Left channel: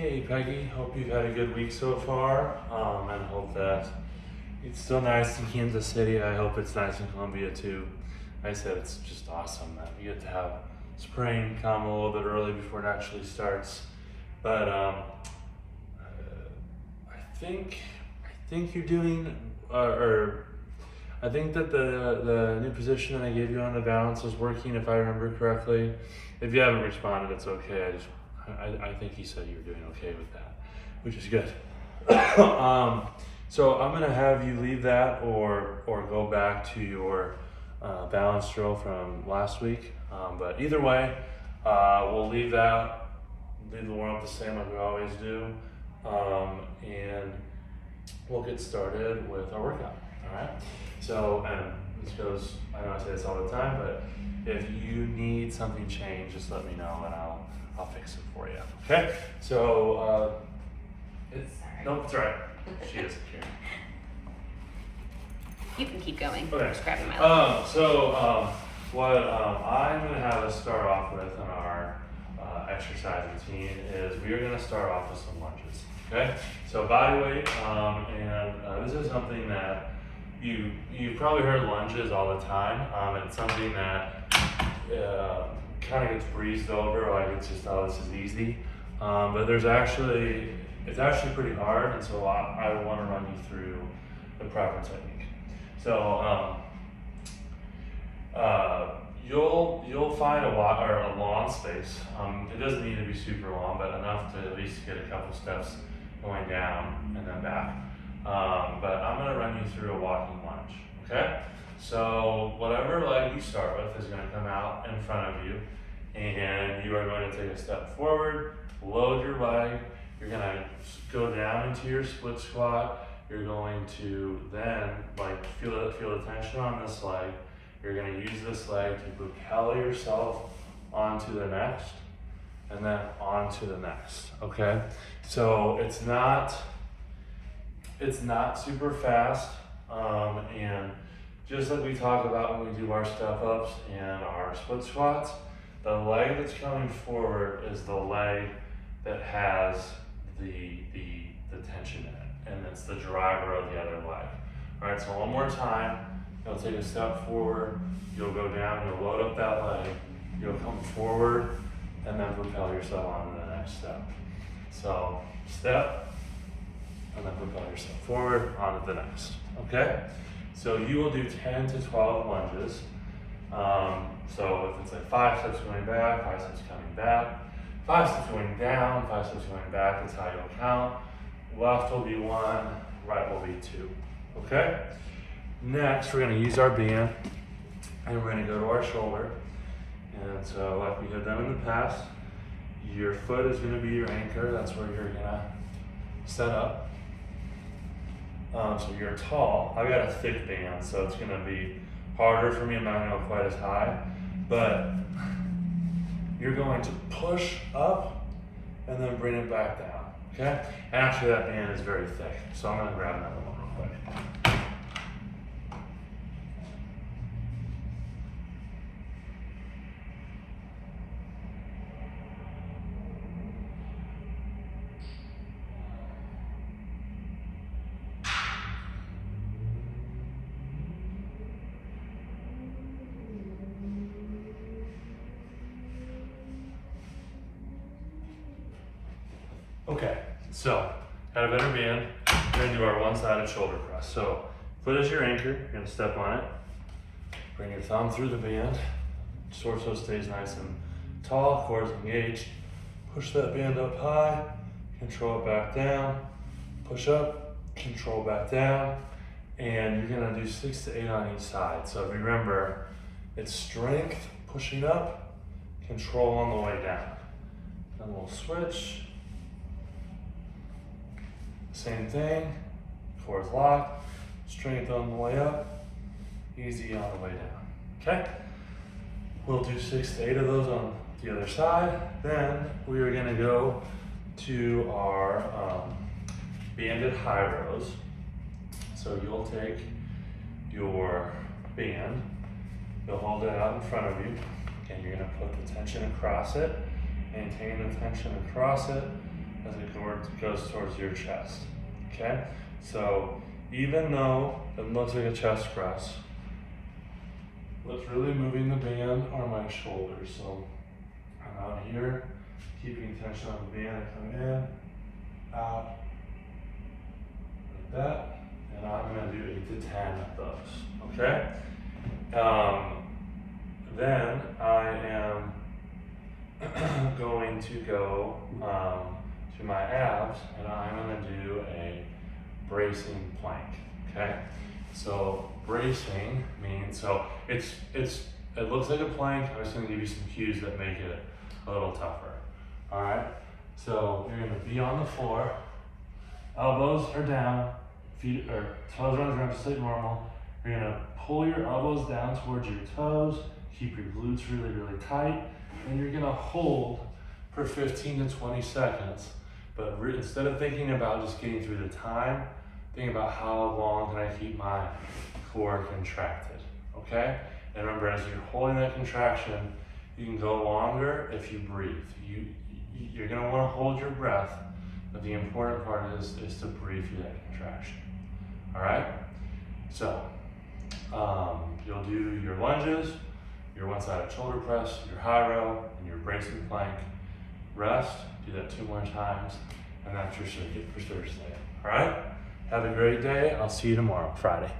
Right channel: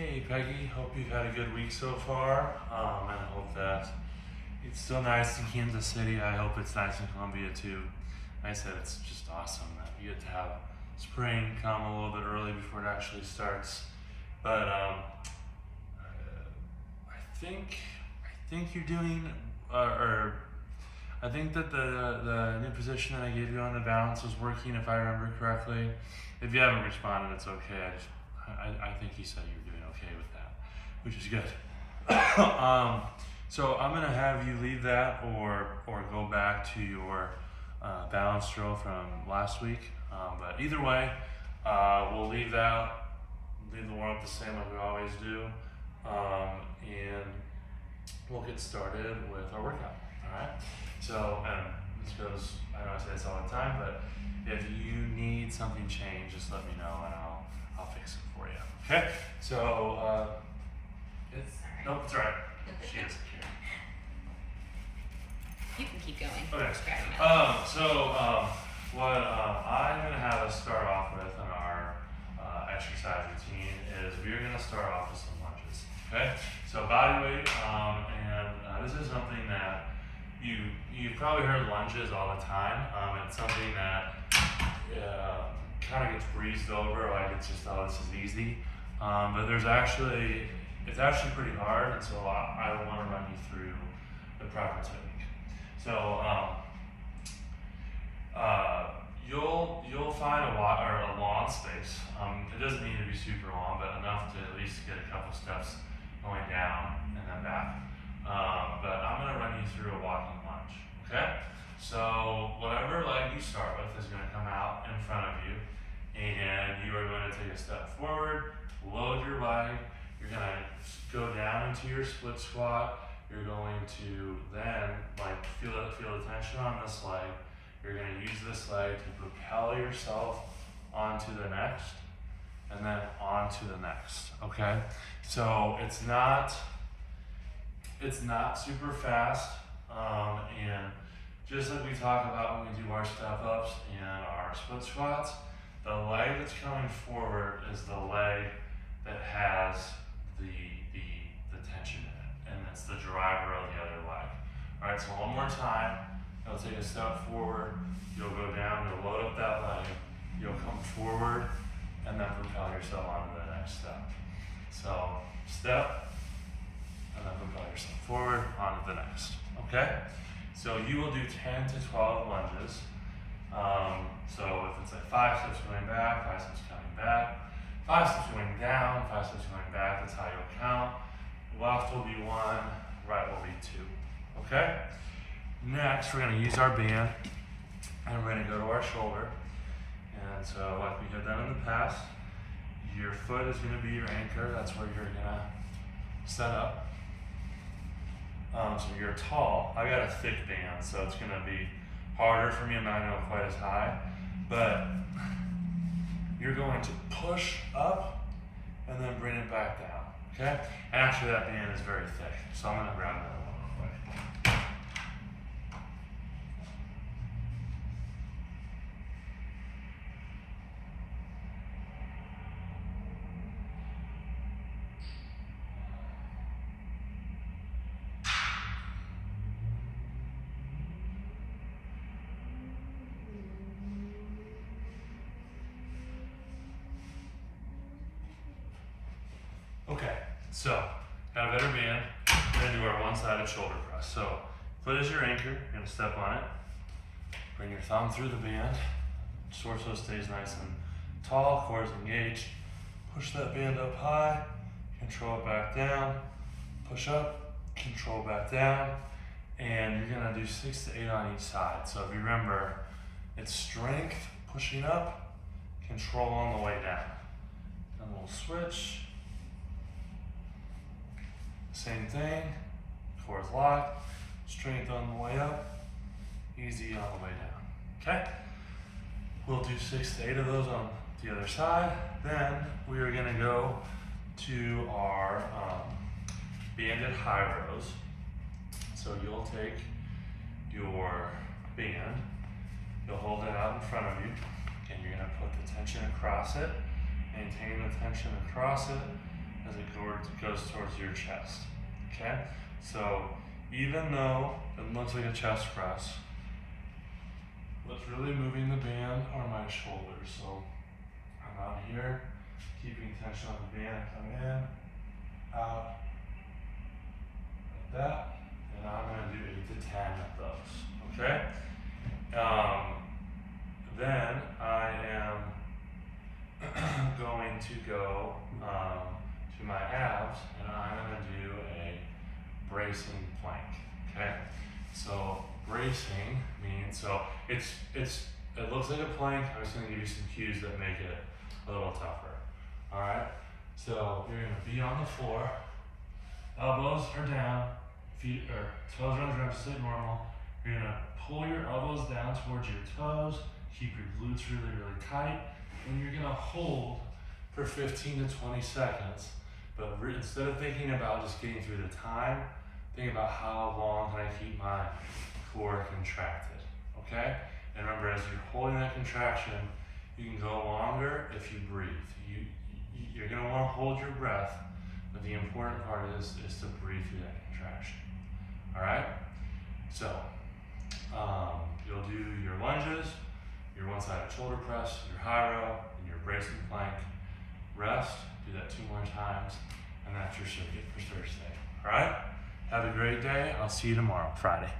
Hey Peggy, hope you've had a good week so far, and hope that it's still nice in Kansas City. I hope it's nice in Columbia too. Like I said, it's just awesome that you get to have spring come a little bit early before it actually starts. But I think you're doing, or I think that the new position that I gave you on the balance was working, if I remember correctly. If you haven't responded, it's okay. I think he said you were doing okay with that, which is good. So I'm gonna have you leave that or go back to your balance drill from last week. But either way, we'll leave that, leave the warm up the same like we always do, and we'll get started with our workout. All right. So, and this goes, I know I say this all the time, but if you need something changed, just let me know and I'll fix it for you. Okay? So, nope, it's all right. She isn't here. You can keep going. Okay. Just grab them out. What I'm gonna have us start off with in our exercise routine is we are gonna start off with some lunges. Okay? So body weight, and this is something that you probably heard lunges all the time. It's something that kind of gets breezed over, like it's just, oh, this is easy. But it's actually pretty hard, and so I want to run you through the proper technique. So you'll find a lawn space. It doesn't need to be super long, but enough to at least get a couple steps going down and then back. But I'm going to run you through a walking lunge. Okay? So whatever leg you start with is going to come out in front of you, and you are going to take a step forward, load your leg. You're going to go down into your split squat. You're going to then feel the tension on this leg. You're going to use this leg to propel yourself onto the next, and then onto the next. Okay? So it's not super fast, and just like we talk about when we do our step ups and our split squats, the leg that's coming forward is the leg that has the tension in it, and it's the driver of the other leg. All right, so one more time, you'll take a step forward, you'll go down, you'll load up that leg, you'll come forward, and then propel yourself on to the next step. So step, and then propel yourself forward onto the next. Okay? So you will do 10 to 12 lunges. So if it's like 5 steps going back, 5 steps coming back, 5 steps going down, 5 steps going back, that's how you'll count. Left will be 1, right will be 2. Okay? Next, we're gonna use our band, and we're gonna go to our shoulder. And so like we have done in the past, your foot is gonna be your anchor. That's where you're gonna set up. So you're tall. I got a thick band, so it's gonna be harder for me. I'm not gonna go quite as high, but you're going to push up and then bring it back down, okay? And actually that band is very thick, so I'm gonna grab another one real quick. Okay, so got a better band. We're gonna do our one-sided shoulder press. So foot is your anchor, you're gonna step on it. Bring your thumb through the band. Torso stays nice and tall, core is engaged. Push that band up high, control it back down. Push up, control back down. And you're gonna do 6 to 8 on each side. So if you remember, it's strength pushing up, control on the way down. Then we'll switch. Same thing, core is locked, strength on the way up, easy on the way down, okay? We'll do 6 to 8 of those on the other side. Then we are gonna go to our banded high rows. So you'll take your band, you'll hold it out in front of you, and you're gonna put the tension across it, maintain the tension across it, as it goes towards your chest. Okay? So even though it looks like a chest press, what's really moving the band are my shoulders. So I'm out here, keeping tension on the band. I come in, out, like that, and I'm gonna do 8 to 10 of those, okay? Then I am going to go to my abs, and I'm gonna do a bracing plank, okay? So bracing means, so it looks like a plank. I'm just gonna give you some cues that make it a little tougher, all right? So you're gonna be on the floor, elbows are down, feet or toes are on the ground just like normal. You're gonna pull your elbows down towards your toes, keep your glutes really, really tight, and you're gonna hold for 15 to 20 seconds. But instead of thinking about just getting through the time, think about how long can I keep my core contracted, okay? And remember, as you're holding that contraction, you can go longer if you breathe. You're gonna wanna hold your breath, but the important part is to breathe through that contraction, all right? So, you'll do your lunges, your one-sided shoulder press, your high row, and your bracing plank. Rest, do that 2 more times, and that's your circuit for Thursday, all right? Have a great day. I'll see you tomorrow, Friday.